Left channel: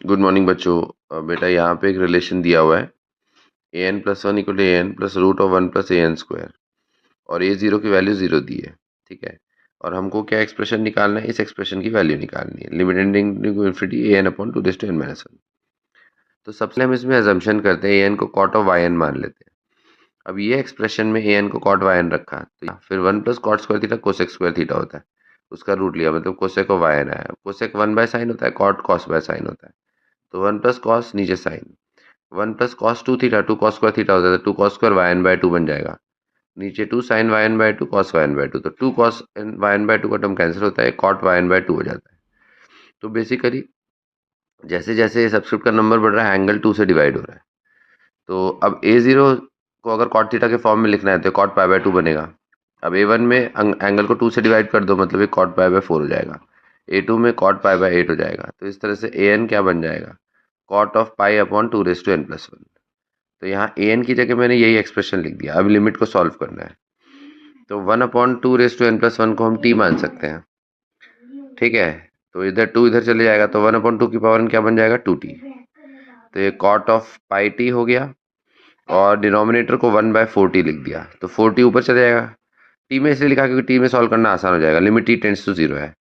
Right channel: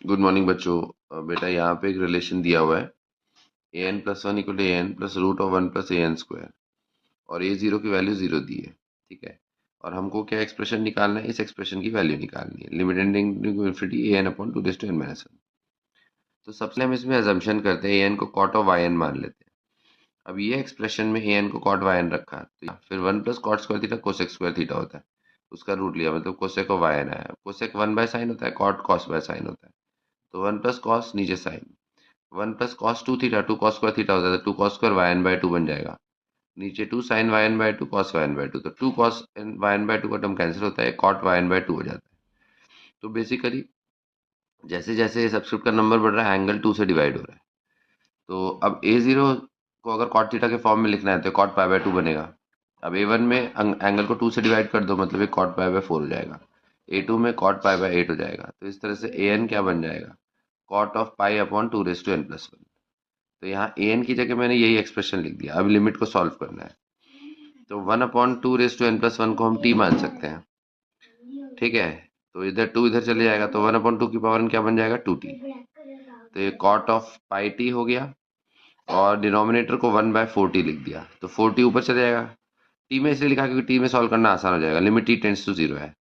Good morning बच्चों। बेटा यहाँ पे एक रिलेशन दिया हुआ है A N plus one equal to A N plus root of one plus A N square और ए जीरो की वैल्यू जीरो दी है। ठीक है। और हमको क्या एक्सप्रेशन निकालना है, इस एक्सप्रेशन की वैल्यू निकालनी है, limit tending to infinity a n upon two raise to n minus one. तो सबसे हम इसमें अजम्पशन करते हैं ए एन को कॉट ऑफ वाई एन मान लेते हैं। अब ये एक्सप्रेशन में ए एन को कॉट वाई एन रखा तो फिर one plus cot square theta cosec square theta होता है, उसका रूट लिया मतलब कोसेक ऑफ वाई एन आया। कोसेक वन बाय साइन होता है, कॉट कॉस बाय साइन होता है। तो वन प्लस कॉस नीचे sine, one plus cos two theta, two cos square theta होता है, two cos square Y N by two बन जाएगा। नीचे two sine Y N by two cos Y N by two, तो two cos Y N by two का term cancel होता है, cot Y N by two हो जाता है। तो बेसिकली जैसे जैसे सब्सक्रिप्ट का नंबर बढ़ रहा है एंगल टू से डिवाइड हो रहा है। तो अब ए जीरो को अगर कॉट थीटा के फॉर्म में लिखना है तो कॉट पाई बाय टू बनेगा। अब ए वन में एंगल को टू से डिवाइड कर दो मतलब ये कॉट पाई बाय फोर हो जाएगा। ए टू में कॉट पाई बाय एट हो जाएगा। तो इस तरह से ए एन क्या बन जाएगा, cot of pi upon two raise to n plus one. तो यहाँ ए एन की जगह मैंने यही एक्सप्रेशन लिख दिया। अब लिमिट को सॉल्व करना है तो one upon two raise to n plus one को हम टी मान सकते हैं। ठीक है। तो इधर टू इधर चले जाएगा तो वन अपॉन टू की पावर क्या बन जाएगा, टू टी। तो ये कॉट ऑफ पाई टी हो गया और डिनोमिनेटर को वन बाय फोर टी लिख दिया तो फोर टी ऊपर चले जाएगा। टी में इसलिए लिखा क्योंकि टी में सॉल्व करना आसान हो जाएगा, limit t tends to zero है।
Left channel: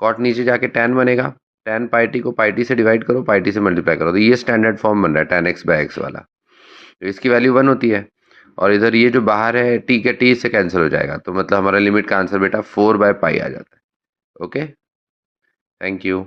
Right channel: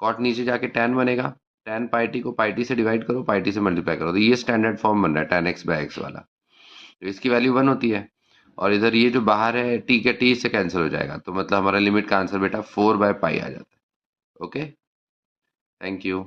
कॉट नीचे जाके टैन बनेगा, टैन पाई टी को पाई टी से डिवाइड करो, पाई टी से मल्टीप्लाई करो, तो ये स्टैंडर्ड फॉर्म बन रहा है टैन एक्स बाय एक्स वाला। तो इसकी वैल्यू वन होती है और इधर ये जो बाहर है टी के टी से कैंसिल हो जाएगा, तो मतलब हमारा लिमिट का आंसर बेटा फोर बाय पाई आ जाता है। Okay, thank you.